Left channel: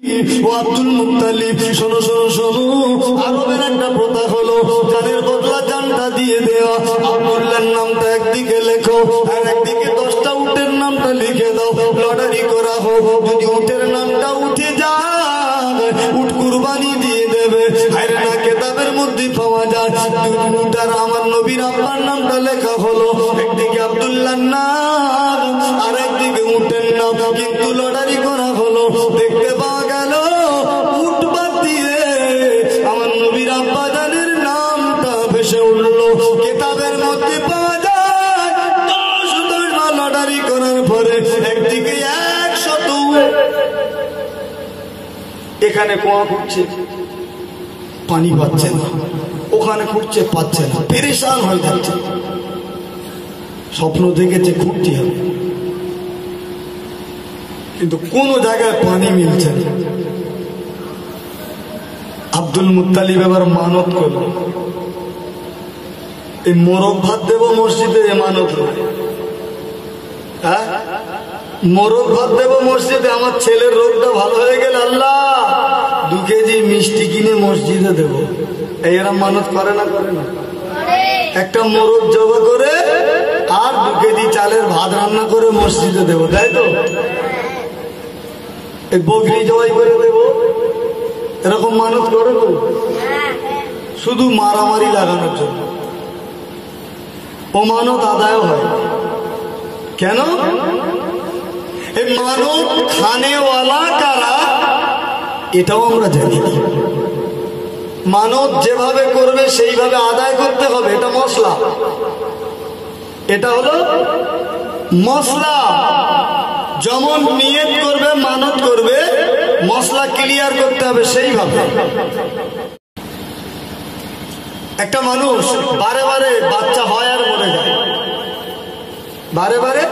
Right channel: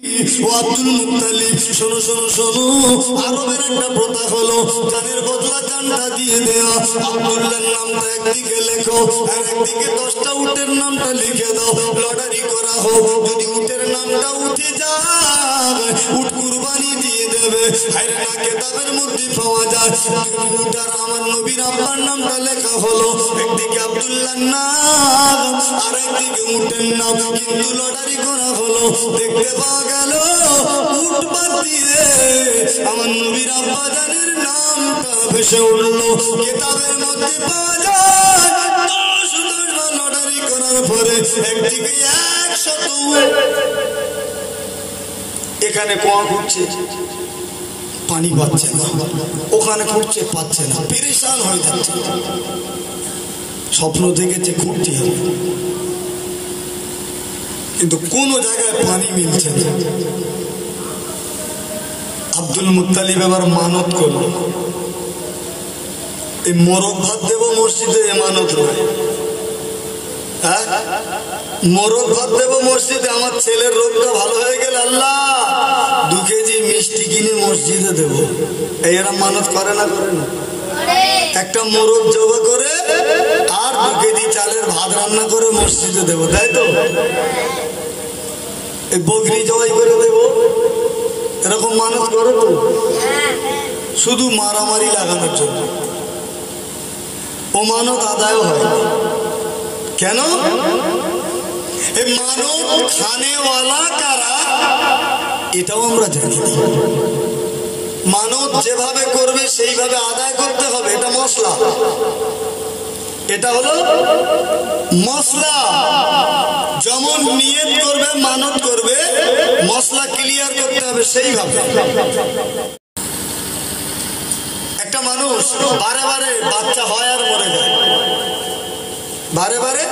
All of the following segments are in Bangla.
আব্দুল মুত্তালিব শোনো শোনো শোনো, আরবের একটা প্রথা হলো যাদের বদলা জানটা দিয়ে দেওয়া। আব্দুল্লাহর নামটা একদিকে লেখো আর একদিকে 10টা উটের নামটা লিখে দাও, লটারি করা হোক। যদি উটের নামটা উঠে যায় উট কুরবানি দিয়ে দেবে। আরে না, কেতাবের মধ্যে পাওয়া যায় উটার আমার নবীর আব্বার নামটা লেখা হলো, একদিকে আব্দুল্লাহর নাম আর একদিকে উটের নাম, কিন্তু লটারি করা হলো। দেখতে পাওয়া গেল উট বাদ দিয়ে আমার নবীর আব্বা জানের নামটা ভেসে উঠলো। কেতাবের মধ্যে পাওয়া যায় 10 লটারি করার পরে একদিকে 100 এখানে কোয়া খুঁজছে পানি পাচ্ছে না, ওখানে খুঁজছে পাচ্ছে না, পেরেশান হয়ে যাচ্ছে। স্বপ্ন দেখেছে খুঁজতে হবে, কিন্তু কোন জায়গায় পানি মিলছে না। আব্দুল মুত্তালিব এবার মানত করল, এই মোরগ ভাত দেব মসজিদে, এ মানত নয়। হ্যাঁ, মোরগ ভাত দেব মসজিদে, আমার ছেলের রোগটা ভালো হয়ে গেল আল্লাহ 2 কেজি মিষ্টি কিনে মসজিদে দেব। এরা মানত করে না? করে না? একটা মোরগ জবা করে আর 2 কেজি চালের ভাত রান্না করে মসজিদে দেব, তাই তো? এই বকরি জবাই করে দেব, এরকম মানত করে তো? শুধু মারামারি লাগানোর জন্য। ও মানত আদায় হয় কেন? এই মানত খানেওয়ালা কারা এটাও আমরা জানি না। মানত যেভাবে করবে সেইভাবে আদায় করতে হবে, এটা মশলা। এটা হলো মশলা। যেমন নিয়ত করবে, মানত করবে, মশলা ক্লিয়ার করতে হবে সেইভাবে। একটা মানুষ বারে বারে বাচ্চা হয় আর মরে যায়, বারে বারে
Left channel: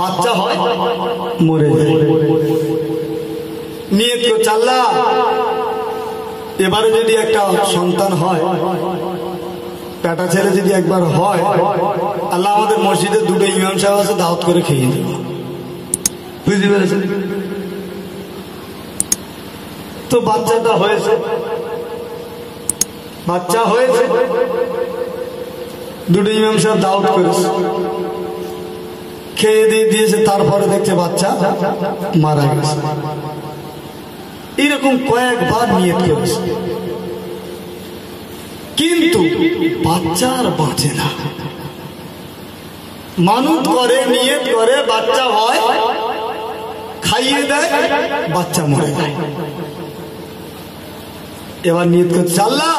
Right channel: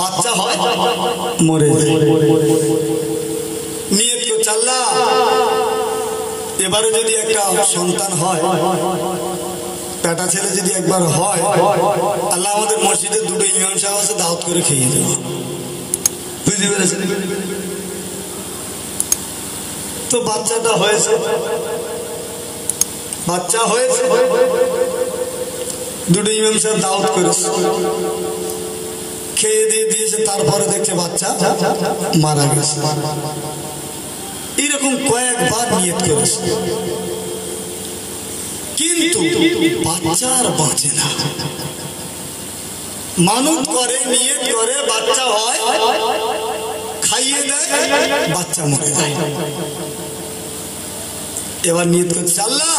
বাচ্চা হয় মরে যায়। নিয়ত করছে আল্লাহ এবারে যদি একটা সন্তান হয়, বেটা ছেলে যদি একবার হয়, আল্লাহ আমাদের মসজিদে 2টো ইমাম সাহেব আছে, দাওয়াত করে খেয়ে দেব। বুঝতে পেরেছেন? তো বাচ্চাটা হয়েছে, বাচ্চা হয়েছে, 2টো ইমাম সাহেব দাওয়াত করেছে, খেয়ে দিয়ে দিয়েছে। তারপরে দেখছে বাচ্চা মারা গেছে। এরকম কয়েকবার নিয়ত করেছে, কিন্তু বাচ্চা আর বাঁচে না। মানত করে, নিয়ত করে, বাচ্চা হয়, খাইয়ে দেয়, বাচ্চা মরে যায়। এবার নিয়ত করছে আল্লাহ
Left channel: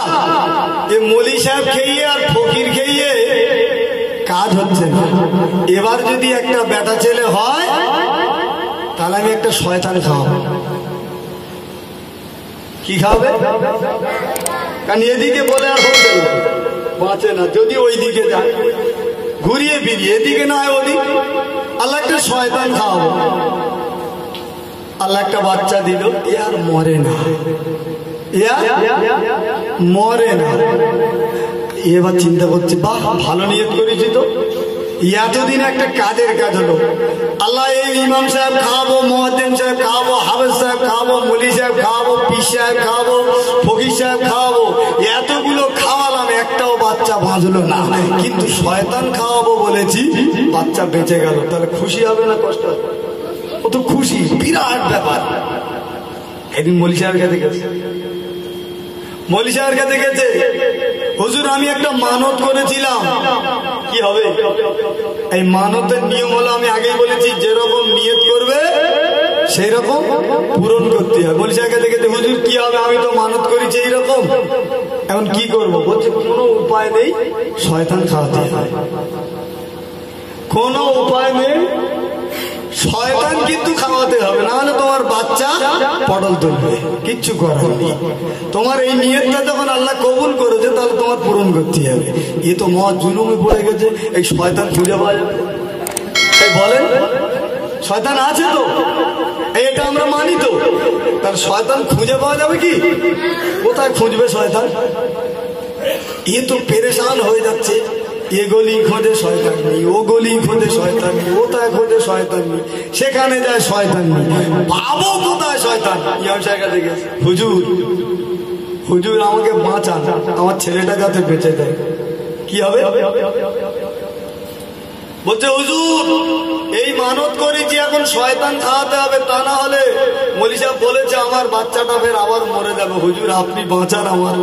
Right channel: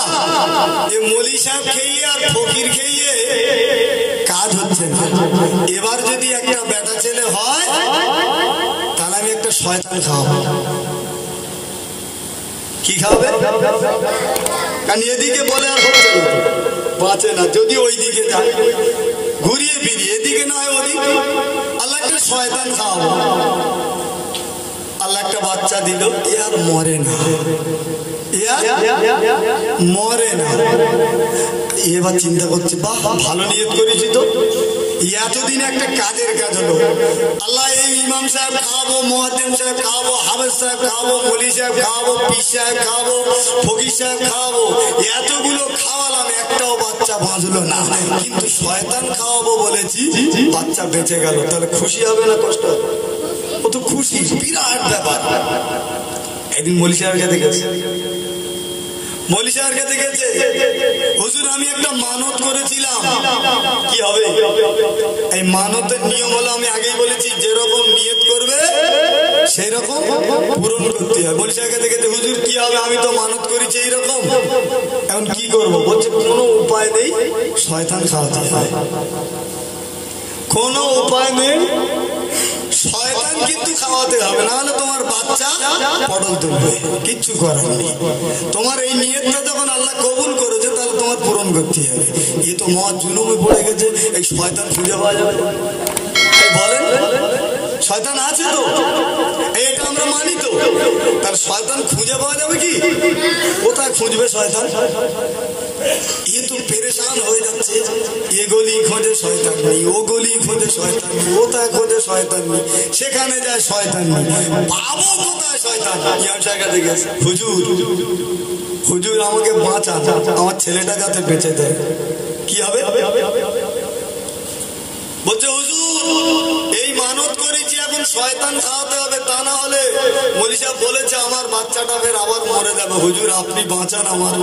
এ মৌলী সাহেব খেয়ে আর ফকির খেয়ে কাজ হচ্ছে না, এবার যদি একটা বেটা ছেলে হয় তাহলে আমি একটা শয়তান খাওয়াবো। কি খাবে? কারণ এদিকে বলে আর হচ্ছে না, বাঁচে না। যদি ওই দিকে যায় ঘুরিয়ে ফিরিয়ে, এদিকে নয় ওদিকে, আল্লাহ একটা শয়তান খাওয়াবো। আল্লাহ একটা বাচ্চা দিল, এ আর মরে না, মরে না। এবার চিন্তা করছে বাহ ভালো নিয়ত করেছি তো, এতদিন একটা কাজের কাজ হলো। আল্লাহ এই ইমাম সাহেব খাওয়াবো, মুয়াজ্জিন সাহেব খাওয়াবো, হাফেজ সাহেব খাওয়াবো, মৌলী সাহেব খাওয়াবো, পীর সাহেব খাওয়াবো, ফকির সাহেব খাওয়াবো, এতগুলো খাওয়ালাম, একটাও বাচ্চা বাঁচলো না। কিন্তু শয়তান খাওয়াবো বলেছি, বাচ্চা বেঁচে গেল। তাহলে খুশি হবে না কষ্ট হবে? ও তো খুশি, বিরাট ব্যাপার। একদিন মৌলী সাহেবের কাছে গেছে, মৌলী সাহেবের কাছে গেছে, হুজুর আমি একটা মানত করেছিলাম, কি হবে? এই মানতের নিয়ম হলো, আমি আগেই বলেছি, যেরকম নিয়ত করবে সেরকম পূরণ করতে হবে। মৌলী সাহেবের কাছে গেছে, হুজুর কি হবে? আমি তো মানত করেছি এইরকম, এখন কি করবো? বলছে কোনো উপায় নেই, শয়তান খাওয়াতে হবে। কোনো উপায় নেই, শয়তান কিন্তু খাওয়াতে হবে, না হলে তোমার বাচ্চা পটল তুলবে, কিচ্ছু করার নেই। তোমার এই নিয়তটা যখন আল্লাহ কবুল করেছে তাহলে তোমার পূরণ করতে হবে। এ তো মহা জুলুমে পড়ে গেছে, এই শয়তান খুঁজে পাওয়া যাবে? বলেন, শয়তান আছে তো, এটা আমরা মানি তো, তাহলে শয়তান খুঁজে পাওয়া যাবে কি? কোথায় খুঁজবে শয়তান? এ তো পেরেশান হয়ে যাচ্ছে, এ গলি খোঁজে শয়তান নেই, ও গলি খোঁজে শয়তান নেই, ওটা খোঁজে শয়তান নেই, সেখানে যায় শয়তান নেই, পাবো কোথায় শয়তান? ইমাম সাহেব কাছে গেছে, হুজুর হুজুর আমাকে বাঁচান, আমার ছেলেটা যাতে বেঁচে যায়। কি হবে? বলছে হুজুর এই মানত করেছি, এখন শয়তান খাওয়াতে হবে, তা না হলে মৌলী সাহেব বলেছে আমার বাচ্চাটা ফের আবার মরে যাবে। হুজুর আপনি বাঁচান, আমার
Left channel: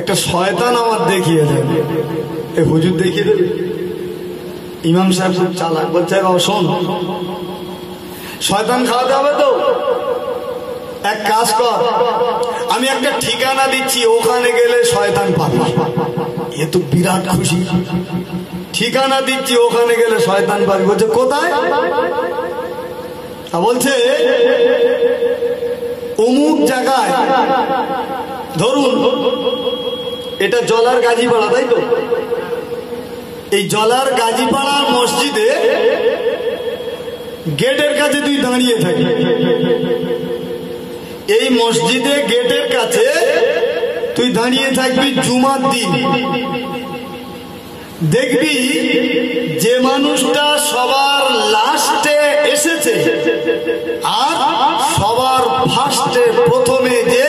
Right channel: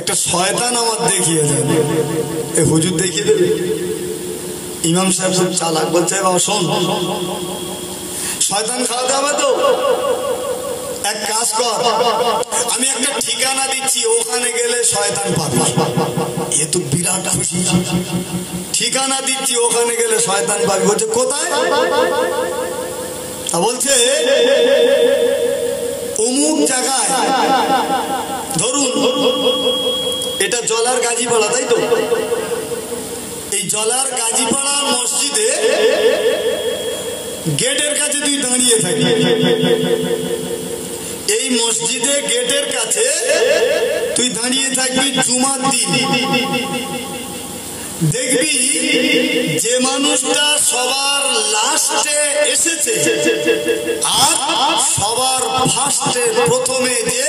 একটা শয়তান আমার দেখিয়ে দেন। এ হুজুর দেখিয়ে দেবে? ইমাম সাহেব খুব চালাক, বলছে শোন শয়তান খাওয়াতে হবে তো এক কাজ কর, আমি একটা ঠিকানা দিচ্ছি, ওখানে গেলে শয়তান পাবি। এ তো বিরাট খুশি, ঠিকানা দিচ্ছি ওখানে গেলে শয়তান পাবি। বলছে কোথায়? বলছে অমুক জায়গায়, ধরুন এটা জলার গাজীপাড়া, তাই তো? এই জলার গাজীপাড়ার মসজিদে গেটের কাছে তুই দাঁড়িয়ে থাকি, এই মসজিদে গেটের কাছে তুই দাঁড়িয়ে থাকবি জুমার দিন। দেখবি যে মানুষটা সবার লাস্টে এসেছে আর সবার ফার্স্টে প্রথমে যে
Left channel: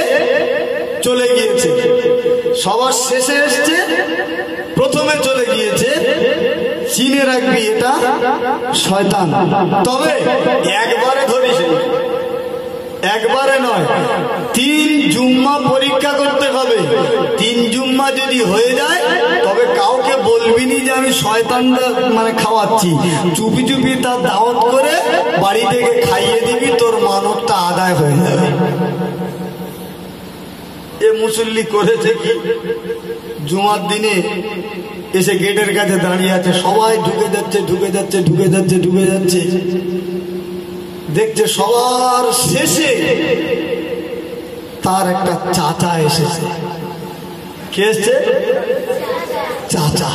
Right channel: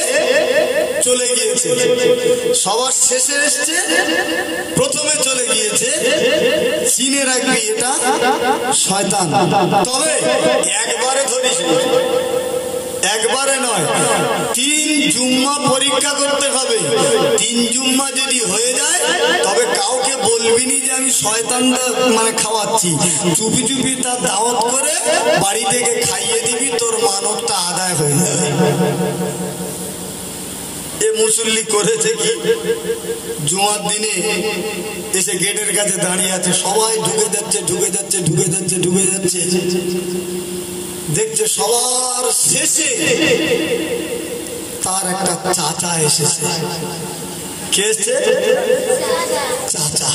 চলে গিয়েছে, সবার শেষে এসছে প্রথমে চলে গিয়েছে, চিনে রাখবি এটা শয়তান। তবে একবারে ধরিস, একবারে নয়, 3 জুম্মা পরীক্ষা করতে হবে। 3 জুম্মা যদি হয়ে যায় তবে কাউকে বলবি নি যে আমি শয়তানটা মানে খাওয়াচ্ছি, চুপি চুপি তার দাওয়াত করে বাড়ি থেকে খাইয়ে দিবি, তোর মানবটা আদায় হয়ে যাবে। এ মুসল্লি করেছে কি, জুমার দিনে এসে গেটের কাছে দাঁড়িয়ে আছে, সবাই ঢুকে যাচ্ছে ঢুকে যাচ্ছে ঢুকে যাচ্ছে ঢুকে যাচ্ছে, দেখছে সবার শেষে তার একটা চাচা এসেছে। কে এসছে? চাচা।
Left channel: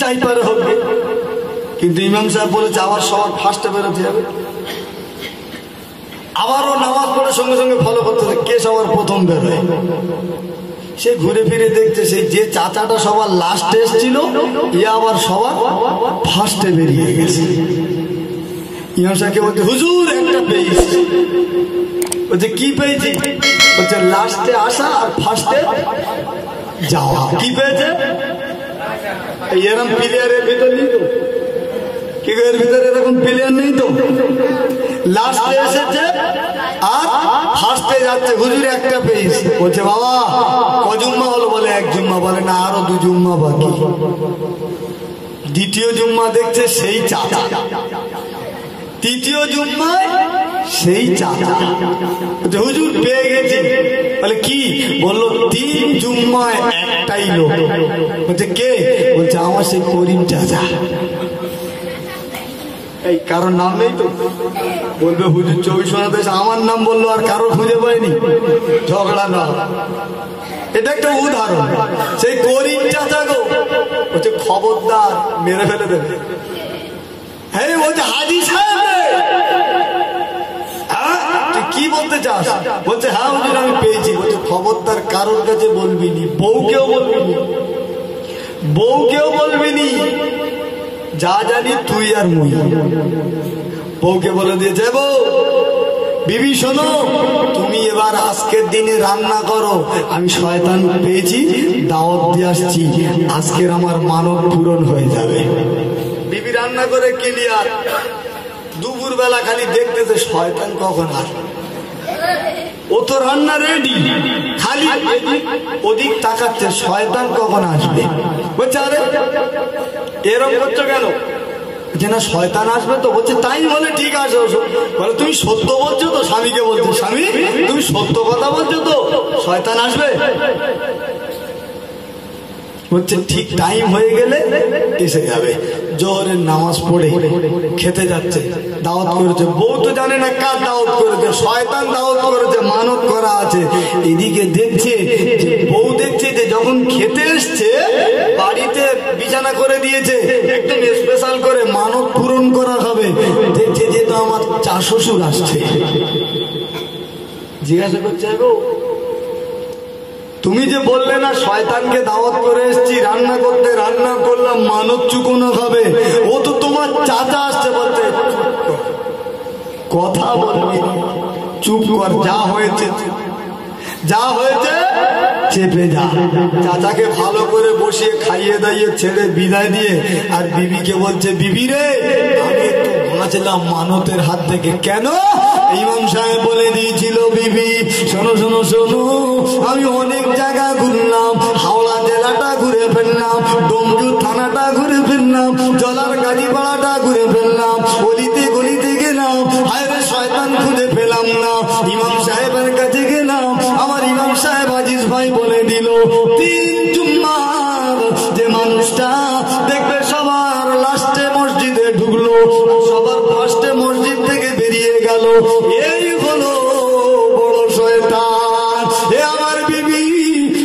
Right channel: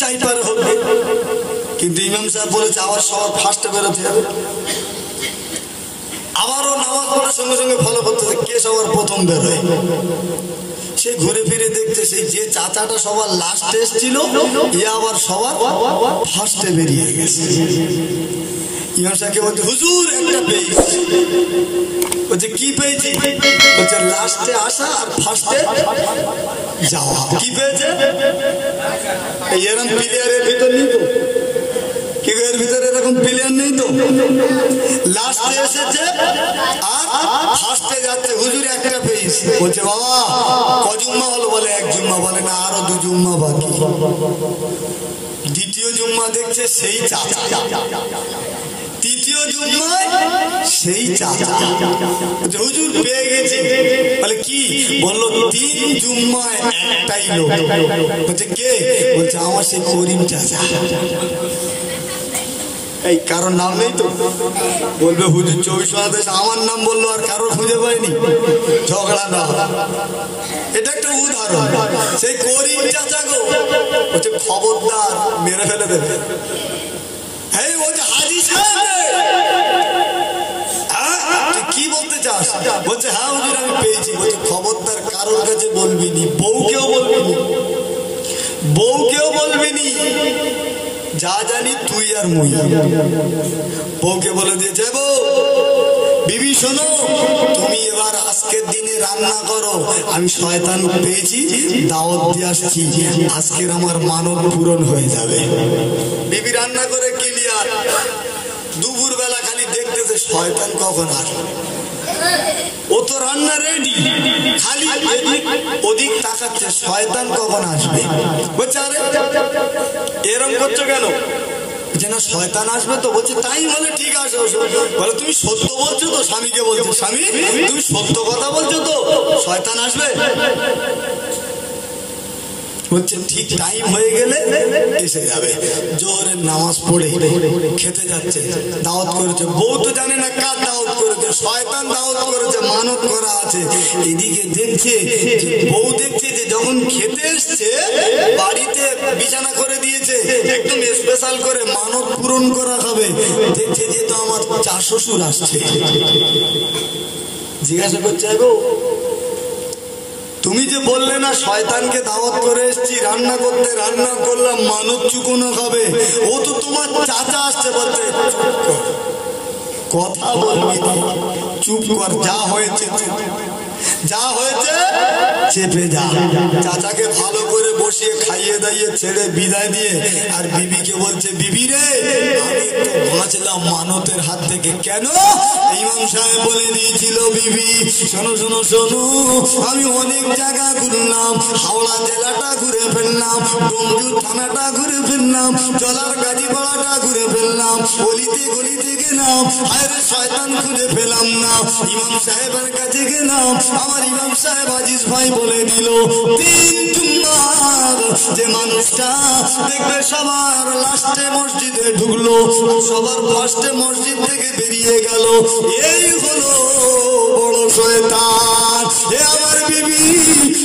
যাই পারে হবে, কিন্তু ইমাম সাহেব বলেছে আবার সবার ফার্স্টে বেরোতে হবে। আবারও নামাজ পড়ে সঙ্গে সঙ্গে ফলো করতে হবে কে সবার প্রথম বেরোয়। সে ঘুরে ফিরে দেখছে সেই যে চাচাটা সবার লাস্টে এসেছিল এ আবার সবার ফার্স্টে বেরিয়ে গেছে। ইমাম সাহেবকে বলছে হুজুর একটা পেয়েছি। বলছে কি পেয়েছি? বলছে লাস্টে আসা আর ফার্স্টে যাওয়া। কি পেয়েছে? এরকম প্লেয়ারের ভিতর নেই তো, কি এর ভিতরে এরকম প্লেয়ার নেই তো, লাস্টে এসেছে আর ফার্স্টে যাচ্ছে। হুজুর একটা পেয়েছি। বলছে বাবা ক জুম্মা হলো? বলে 1 জুম্মা। বলে না আরো 2 জুম্মা বাকি। দ্বিতীয় জুম্মা দেখছে সেই চাচা, তৃতীয় জুম্মায় সেই চাচা। হুজুর পেয়ে গেছে। বলে কি? বললো 3 জুম্মায় একটাই লোক। বলছে কে? বলছে আমার সেই করিম চাচা। এই কারোর নাম নেই তো? বলবে হুজুর 24 আমার নাম বললো আর কারো খুঁজে পায়নি, ঝগড়া না। এটা একটা উদাহরণ। সেই করিম চাচা গো বলছে খবরদার মেরে ফেলে দেবে। হ্যাঁ বলছে হাজি সাহেব কি বলতে চাস? বলছে হ্যাঁ হুজুর আমি পেয়েছি। বলছে খবরদার কারোর কাছে বলবি নি, বউকেও বলবি নি, বউকেও বলবি নি, যা জানি তুই আর মুই। বউকে বলে দিয়েছে বউ বিবি শোনো তুমি এবার আজকের দিনে রান্না করো, আমি শয়তান পেয়েছি দাওয়াত দিয়ে আসছি, আজকের আমার মানব পূরণ হয়ে যাবে। বিবি রান্না করে ক্লিয়ার। দুপুর বেলা খালি দেখতেছে শয়তান কখন আসবে। ও তো রান্না রেডি, খালি এদিক ওদিক তাকাচ্ছে শয়তান কখন আসবে। বলছে আরে এরকম করছো কেন? যে না শয়তান আসবে তো। বলছে তাই বলে ঠিক আছে। বলে তুমি সত্য বলছো তো? স্বামীকে বলছো স্বামী তুমি সত্য কথা বলছো তো শয়তান আসবে? বলছে ঠিক টাইম হয়ে গেলে এসে যাবে। জোহরের নামাজ পড়ে খেতে যাচ্ছে, দাওয়াত করেছে। বউ তো জানে না কার দাওয়াত করেছে, শয়তান দাওয়াত করেছে, মানত করা আছে। এদিকে দেখছে বউ দেখছে যে যখন খেতে এসছে বাড়িতে বিছানা করে দিয়েছে, একদম স্পেশাল করে মানত পূরণ করা হবে। দেখছে যে তো আমার চা শ্বশুর আসছে। জিজ্ঞাসা করছে গো তুমি যে বললে না শয়তানকে দাওয়াত করে এসেছি রান্না করতে, রান্না করলাম মানত চুকোনো খাবে, ও তো তোমার চাচা আসছে বলছে কথা বলবি না, চুপ কর, যা হয়েছে যা হয়েছে চেপে যা। চাচাকে ভালো করে বসিয়ে খাইয়ে দাইয়ে ছেড়ে বিদায় দিয়ে আর বিবিকে বলছে বিবি রে আমি একটু বাঁচলাম মানতের হাত থেকে। কেন? ইমাম সাহেব বলে দিয়েছিল বিবি শোনো শোনো শোনো, আমি অনেক জায়গা ঘুরলাম, হাওড়া জেলাটা ঘুরে ফেললাম, ডোমজুর থানাটা ঘুরে ফেললাম, জলার গাজীপাড়াটা ঘুরে ফেললাম, গলিতে গলিতে গেলাম, হায়রে শয়তান খুঁজে পেলাম না। ইমাম সাহেবের কাছে গেলাম, আমার ইমাম সাহেব আজিজ ভাই বলে দিল 3 জুম্মার যে মানুষটা দেখবে সবার লাস্টে মসজিদে ঢুকলো, সবার ফার্স্টে মসজিদ থেকে বেরিয়ে গেল, এই হলো বড় শয়তান। এ আমার বিবি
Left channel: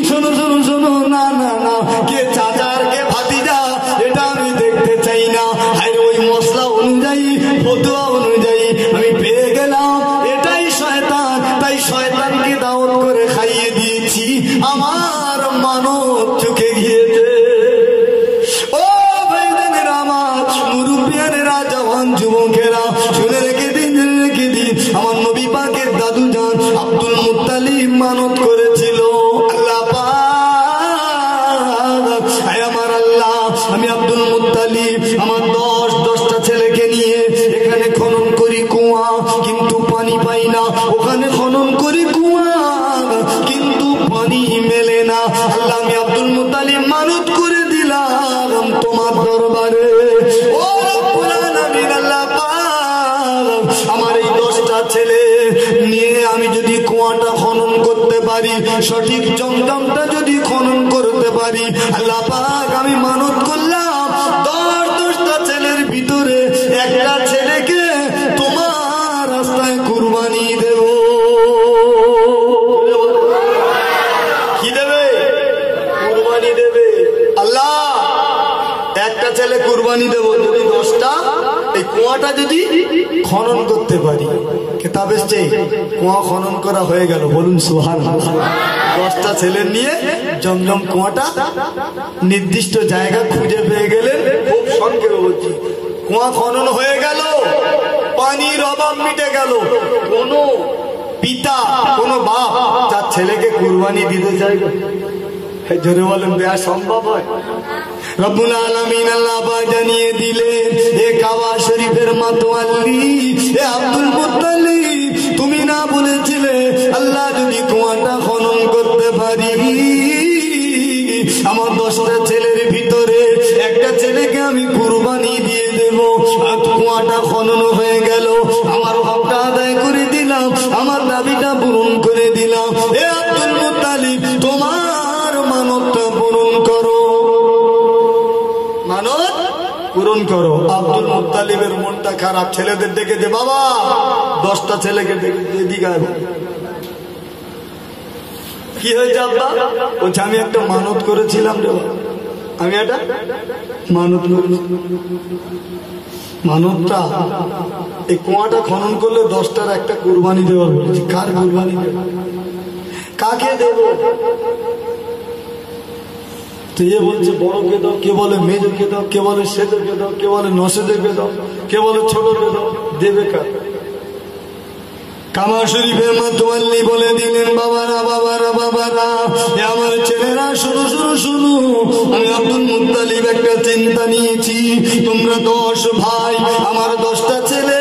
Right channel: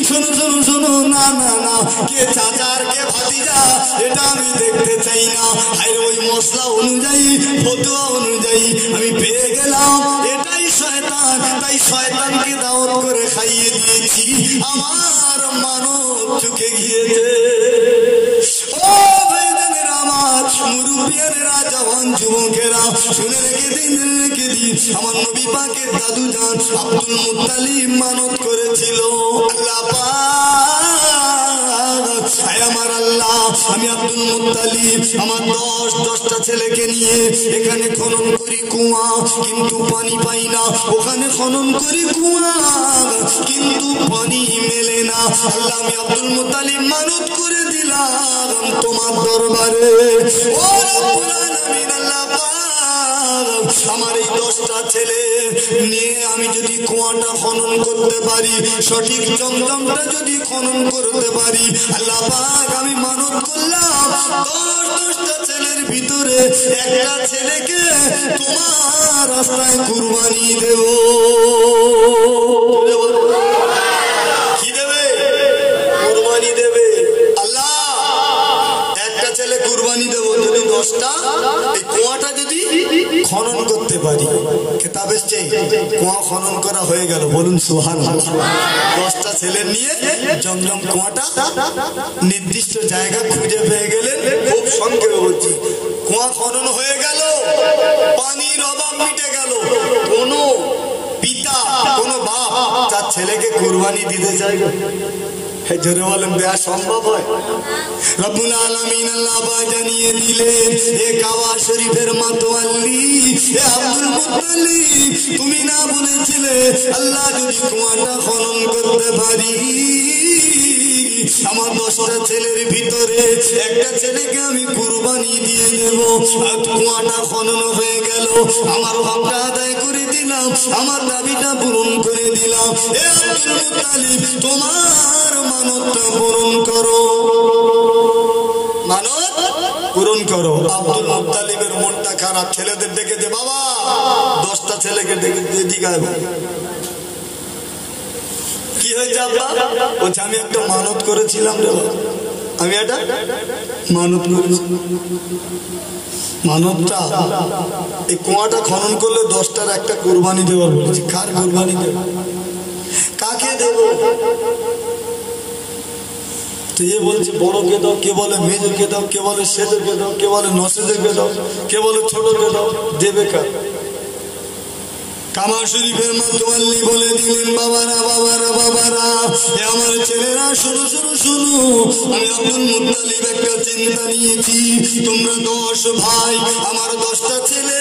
শোনো শোনো শোনো, না না না, কে চাচা আর কে ভাতিজা এটা আমি দেখতে চাই না, আর ওই মশলা অনুযায়ী ফতোয়া অনুযায়ী আমি পেয়ে গেলাম এটাই শয়তান, তাই শয়তানকে দাওয়াত করে খাইয়ে দিয়েছি, আমার মানত চুকে গিয়েছে। ও ভাইদের আমার মুরব্বিয়ানেরা, জওয়ান যুবকেরা শুনে রেখে দিন, রেখে দিন, আমার নবী পাকের দাদু জান আব্দুল মুত্তালিব মানত করেছিল আল্লাহ পাক, আমার আল্লাহ আমি আব্দুল মুত্তালিব আমার 10টা ছেলেকে নিয়ে এখানে খনন করি কুয়া কিন্তু পানি পাই না, ওখানে খনন করি কুয়া কিন্তু পানি মেলে না। আল্লাহ আমি আব্দুল মুত্তালিব মানত করে দিলাম তোমার দরবারে, ও রব্বুল আলামিন আল্লাহ পাক আমার এই 10টা ছেলে নিয়ে আমি যদি কুয়াটা খনন করতে পারি, সঠিক জমজমটা যদি খনন করতে পারি, আল্লাহ পাক আমি মানত করলাম 10টা ছেলের ভিতরে একটা ছেলেকে তোমার রাস্তায় কুরবানি দেব। কি দেবে? কুরবানি দেবে। আল্লাহ একটা ছেলে কুরবানি দেব যদি 10টা এই কুয়াটা যদি খনন করতে পারি। কেতাবে কুয়া খনন করা হয়ে গেল, বলুন সুবহানাল্লাহ। 10টা ছেলে নিয়ে জমজম কুয়াটা নির্দিষ্ট জায়গা খুঁজে পেয়ে গেলেন, খুব সংক্ষেপে বলছি, কুয়া খনন হয়ে গেল, পানির অভাব মিটে গেল, কোন পিতা কোন বাপ তার ছেলেকে কুরবানি দিতে চাইবে? জোরে বলেন দেয়া সম্ভব হয়? রব্বুল আলামিন আল্লাহ পাক জানিয়ে দিলেন এ কাবা শরীফের মাতোয়াল্লি এ আব্দুল মুত্তালিব, তুমি না বলেছিলে আল্লাহ যদি কুয়াটা খনন করতে পারি আমার 10টা ছেলের ভিতরে একটা ছেলেকে আমি কুরবানি দিয়ে দেব। কুয়াটা খনন হয়ে গেল, আমার হকটা আদায় করে দিলাম, আমার দাবিটা পূরণ করে দিলাম। এ আব্দুল মুত্তালিব তোমার মানতটা পূরণ করো, মানত পূরণ করো। আব্দুল মুত্তালিবের মনটা খারাপ, ছেলেদের ডেকে যে বাবা 10টা ছেলেকে ডেকে দিকে কি হয়েছে আব্বা? বলছে আমি একটা মানত করেছিলাম রে, আমি একটা মানত করেছি, মানতটা এই কুয়াটা খনন করলে 10টার একটা কুরবানি দেওয়ার বলেছি। কার কুরবানি দেব? কাকে দেব? তো এ বলছে বড়কে দাও, কে বলে মেজকে দাও, কে বলে সেজকে দাও, কে বলে নসেজকে দাও, কে বলে ছোটকে দাও, দেবে কার? কাবা শরীফের মাতোয়াল্লি বলে দিলেন বাবারা বাবারা বাবারা, আমার ছেলেরা শুরু শুরু শুরু, আমি আব্দুল মুত্তালিব একটা চিন্তা নিয়েছি, তোমরা 10 ভাই, আমার 10টা ছেলে,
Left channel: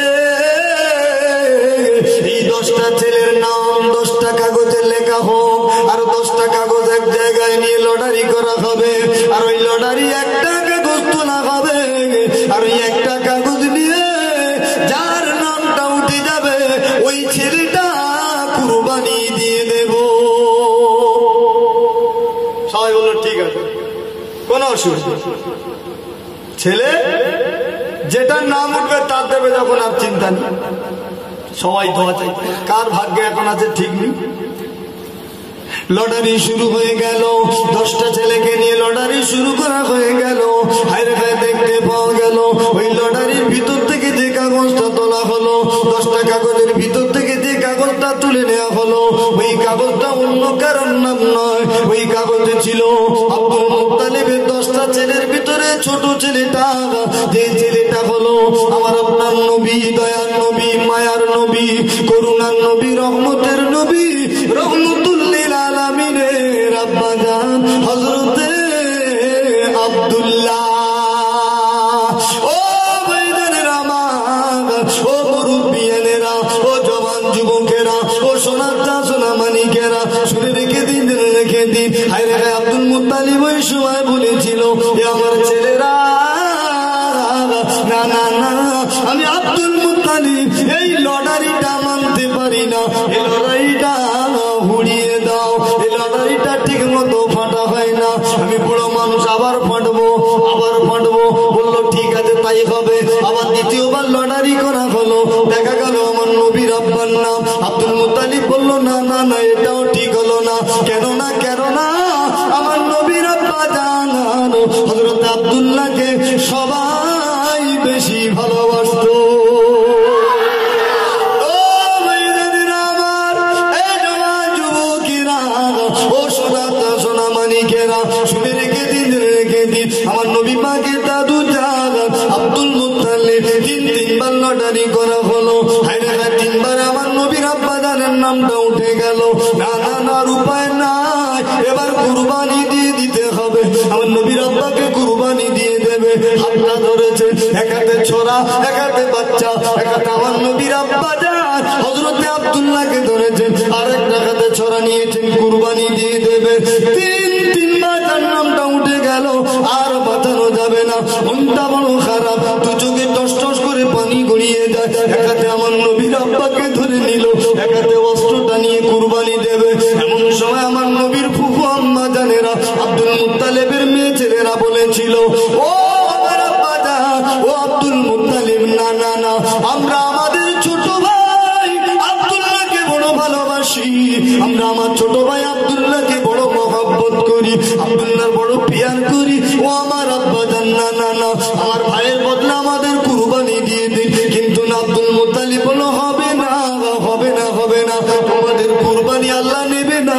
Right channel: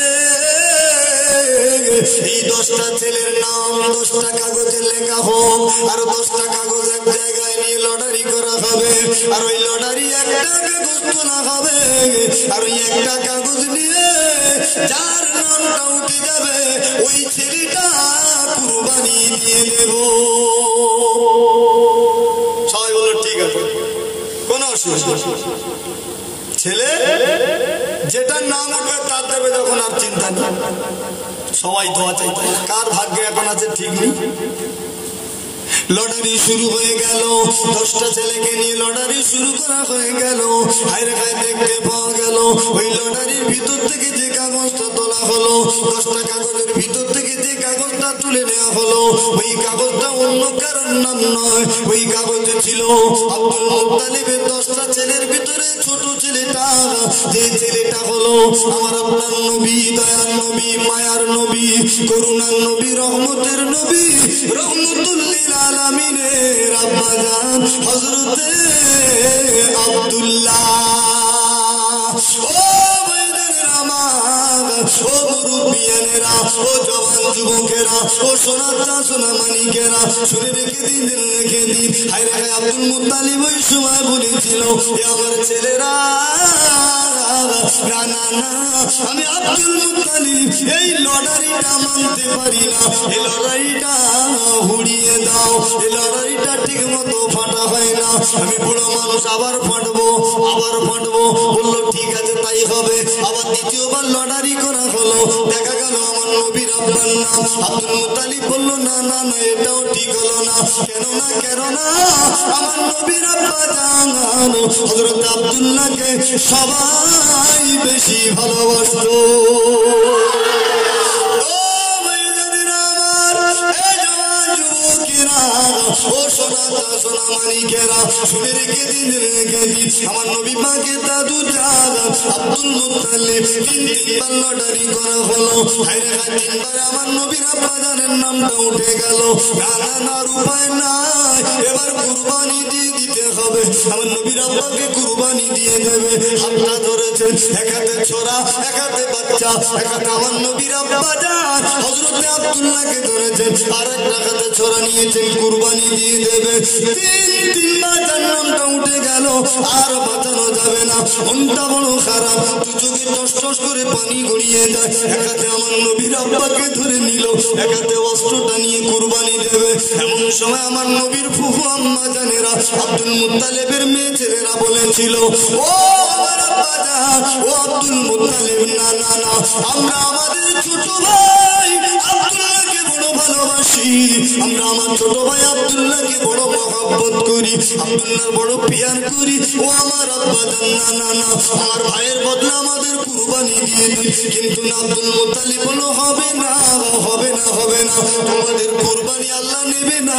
এই 10টা ছেলের নাম 10টা কাগজে লেখা হোক, আর 10টা কাগজ এক জায়গায় নিয়ে লটারি করা হবে, আর ওই লটারি একটা কাগজ তোলা হবে, আর ওই একটা কাগজ নিয়ে যার নামটা উঠে যাবে ওই ছেলেটা কুরবানি দিয়ে দেব। সবাই বলল ঠিক আছে, কোন অসুবিধা। ছেলে যেটার নাম উঠবে তার দেবে, যখন আর চিন্তা নেই, সবাই দোয়া চাইতে। কার ভাগ্যে এখন আছে ঠিক নেই। লটারি শুরু হয়ে গেল, 10টা ছেলেকে নিয়ে লটারি শুরু করা হয়ে গেল। দেখতে পাওয়া গেল ওই লটারির ভিতর থেকে যে কাগজটা তোলা হলো, 10টা কাগজের ভিতর থেকে যে কাগজটা তুলে নেওয়া হলো, ওই কাগজটা অন্য কারোর নাম নয়, ওই যে ছেলেটা হলো আমার আপনার নবী, দয়ার নবী, মায়ার নবী, করুণার নবী, রহমতের নবী, রহমতুল্লিল আলামিনের আব্বা জান হযরতে আব্দুল্লাহ। ও ভাইজানেরা আমার, ও মুরব্বিয়ানেরা, ও জওয়ান যুবকেরা, ও সোনাটা সোনা মানিকেরা, শুনে রেখে দিন, রেখে দিন। হায় রে আব্দুল মুত্তালিব ওই সময় বলেছিল, আমার ছেলেরা, না না না, আমি আব্দুল মুত্তালিব এই লটারিটা মানতে পারি না, এই লটারিটা উড়িয়ে দাও, এই লটারিটা ঠিক মতো ফাটা হয় না, আমি বুড়ো মানুষ আবার ফাটবো, আবার ফাটবো। বললো ঠিক আছে তাই হবে। আবার দ্বিতীয়বার লটারি করা হলো, দেখা গেল আমার নবীর আব্বার নাম আব্দুল মুত্তালিব। বললো না না না, এটাও ঠিক হলো না। কেন না, কেন না, আমার নবীর আব্বা জান হযরত আব্দুল্লাহকে সবাই বেশি ভালোবাসতো। শুনে রেখে দিন, রেখে দিন। আমার নবী পাকের দাদু জান আব্দুল মুত্তালিব তিনবার লটারি করা হলো। তিনবার আমার নবীর আব্বা জানের নামটা উঠে গেল। না না না, উপায় নাই, এবার কুরবানি দিয়ে দিতে হবে। আমার নবীর আব্বাকে কুরবানি দিয়ে দেবে। হাতটা ধরেছে, এক হাতে ছোরা, এক হাতে বাচ্চা, এক হাতে আমার নবীর আব্বা জান হযরতে আব্দুল্লাহকে ধরেছেন, আর একটা হাতে ছোরা নিয়েছেন, কুরবানি দিয়ে দেবে। তিনবার তার নামটা উঠে গেল, আর বাঁচানো যাবে না। মনটা বড় খারাপ, দু চোখে টস টস করে পানি গড়িয়ে যায়। এক হাতে আমার নবীর আব্বাকে ধরে নিল, এক হাতে অস্ত্রটা নিয়ে কুরবানি দেবে। এমন সময় আমার নবীর ফুফু আম্মা জানেরা, আব্দুল মুত্তালিবের মেয়ে ছেলেরা বলেছিল, ও আমার আব্বা জান, ও আব্দুল মুত্তালিব, না না না, আমরা আমাদের ছোট ভাই আব্দুল্লাহকে বড় ভালোবাসি, আমরা আমার ছোট ভাই আব্দুল্লাহকে বড় মহব্বত করি, আব্দুল্লাহর বড় পিয়ার করি। ও আমার আব্বা জান, না না না, আমার ভাইয়ের বদলে আমাদের কুরবানি দিয়ে দিন। কিন্তু না, আব্দুল মুত্তালিব বলল, হবে না, হবে না, হবে না, তোমাদের কুরবানি আল্লাহ নেবে না।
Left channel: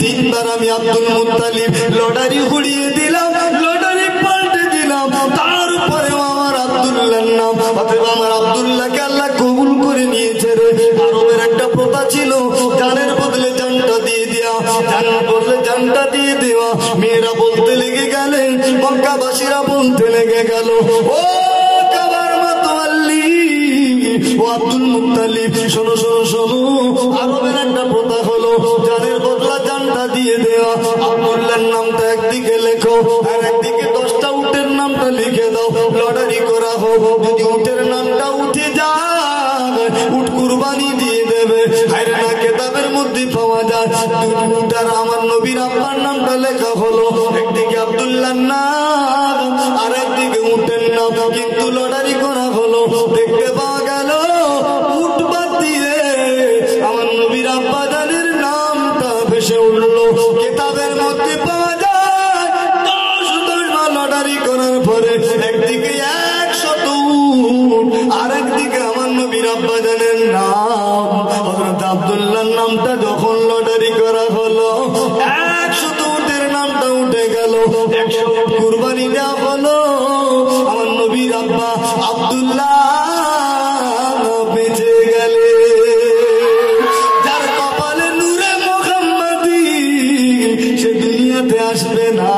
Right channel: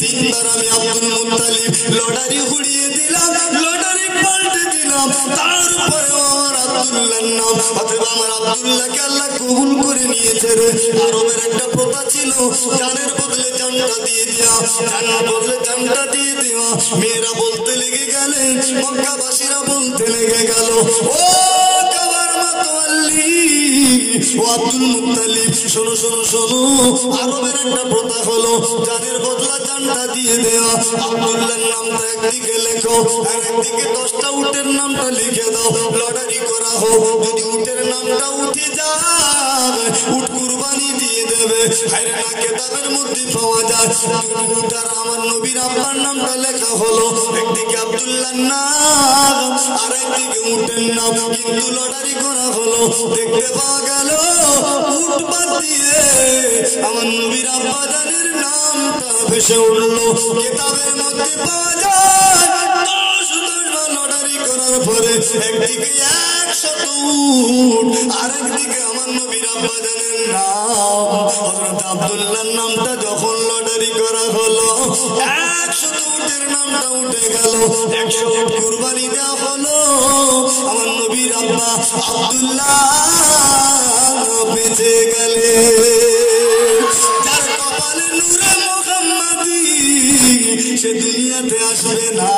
তিনবার আমি আব্দুল মুত্তালিব লটারি উড়িয়ে দিলাম, লটারি পাল্টে দিলাম, তারপরেও আমার আব্দুল্লাহর নাম, অথবা আমার আব্দুল্লাহকে আল্লাহ কবুল করে নিয়েছে রে। আরবের একটা প্রথা ছিল, জানের বদলে জানটা দিয়ে দেওয়া, জানের বদলে জানটা দিয়ে দেওয়া। মেয়েরা বলতে লেগে গেলে, মক্কাবাসীরা বলতে লেগে গেল, ও কাবার মাতওয়াল্লি, ও আব্দুল মুত্তালিব, শোনো শোনো শোনো, আরবের একটা প্রথা হলো, জানের বদলা জানটা দিয়ে দেওয়া। আব্দুল্লাহর নামটা একদিকে লেখো, আর একদিকে 10টা উটের নামটা লিখে দাও, লটারি করা হোক। যদি উটের নামটা উঠে যায়, উট কুরবানি দিয়ে দেবে। আর না, কেতাবের মধ্যে পাওয়া যায় উটার আমার নবীর আব্বার নামটা লেখা হলো, একদিকে আব্দুল্লাহর নাম, আর একদিকে উটের নাম, কিন্তু লটারি করা হলো। দেখতে পাওয়া গেল উট বাদ দিয়ে আমার নবীর আব্বা জানের নামটা ভেসে উঠলো। কেতাবের মধ্যে পাওয়া যায় 10 লটারি করার পরে একদিকে 100 উট, আর একদিকে আমার নবীর আব্বা জানের নাম হযরত আব্দুল্লাহর নামটা যখন লটারি করা হলো, 100 উটের নামটা উঠে গেল, 100 উট কুরবানি দেওয়া হলো। আমার নবীর আব্বা আব্দুল্লাহ বেঁচে গেলে। যার কপালে নূরে মুহাম্মাদি, সে দুনিয়াতে আসবে না,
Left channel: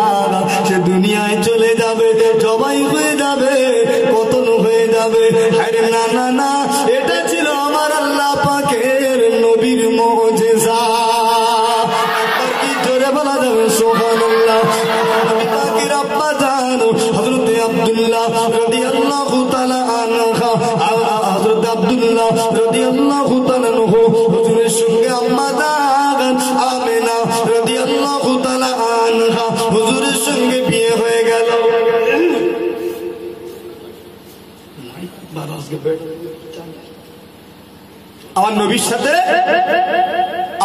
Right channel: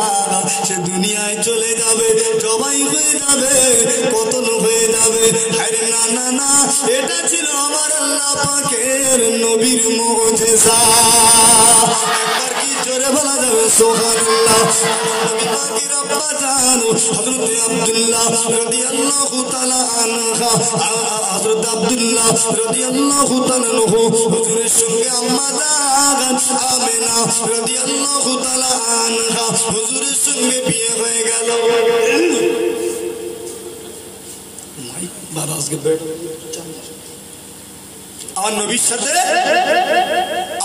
সে দুনিয়ায় চলে যাবে, জবাই হয়ে যাবে, কতল হয়ে যাবে। আরে না না না, এটা ছিল আমার আল্লাহ পাকের নবীর মুজিজা। একবার কি জোরে বলা যাবে সুবহানাল্লাহ। নবী পাকের আব্বা জান হযরত আব্দুল্লাহ রাদিয়াল্লাহু তাআলা আনহা, হযরত আব্দুল্লাহ রাদিয়াল্লাহু তাআলা আনহু হুজুরের সঙ্গে আম্মা জান আমেনা রাদিয়াল্লাহু তাআলা আনহা হুজুরের সঙ্গে বিয়ে হয়ে গেল। আমার নবীর সাথে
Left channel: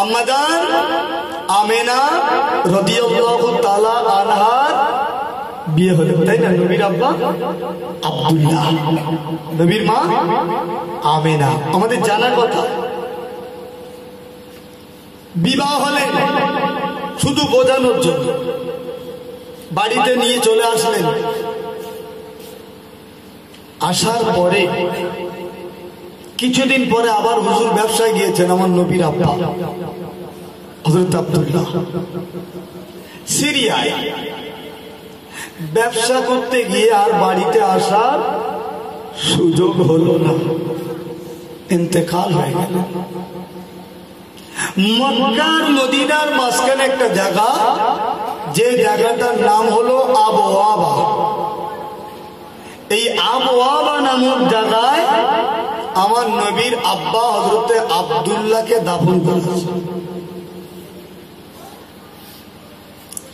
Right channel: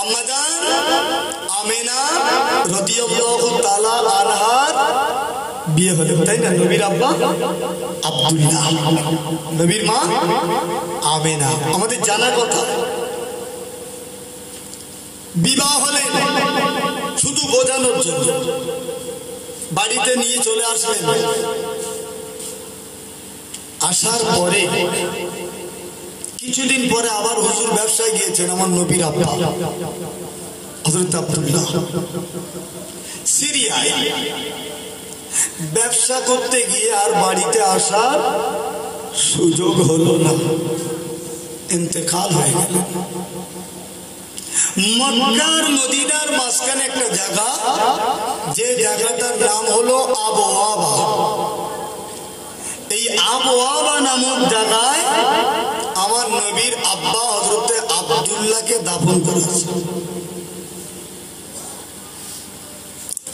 আম্মা জান আমেনা রাদিয়াল্লাহু তাআলা আনহার বিয়ে হলো, তাই না? নবীর আব্বা আব্দুল্লাহ, নবীর মা আমেনা। আমাদের জানার কথা, বিবাহ হলে শুধু বোঝানোর জন্য বাড়িতে নিয়ে চলে আসলেন, আসার পরে কিছুদিন পরে আবার হুজুর ব্যবসায় গিয়েছেন আমার নবীর আব্বা হযরত আব্দুল্লাহ সিরিয়ায় ব্যবসা করতে গিয়ে আর বাড়িতে আসার সুযোগ হলো না, ইন্তেকাল হয়ে গেল। মক্কার মদিনার মাঝখানে একটা জায়গা, যে জায়গাটার নাম হলো আবওয়াবা। এই আবওয়াবা নামক জায়গায় আমার নবীর আব্বা হযরতে আব্দুল্লাহকে দাফন করেছে।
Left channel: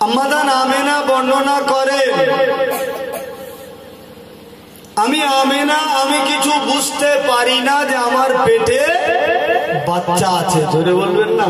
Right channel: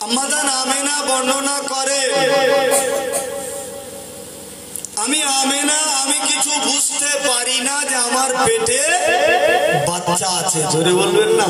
আম্মাজান আমেনা বর্ণনা করে, আমি কিছু বুঝতে পারি না যে আমার পেটে বাচ্চা আছে। জোরে বলবেন না।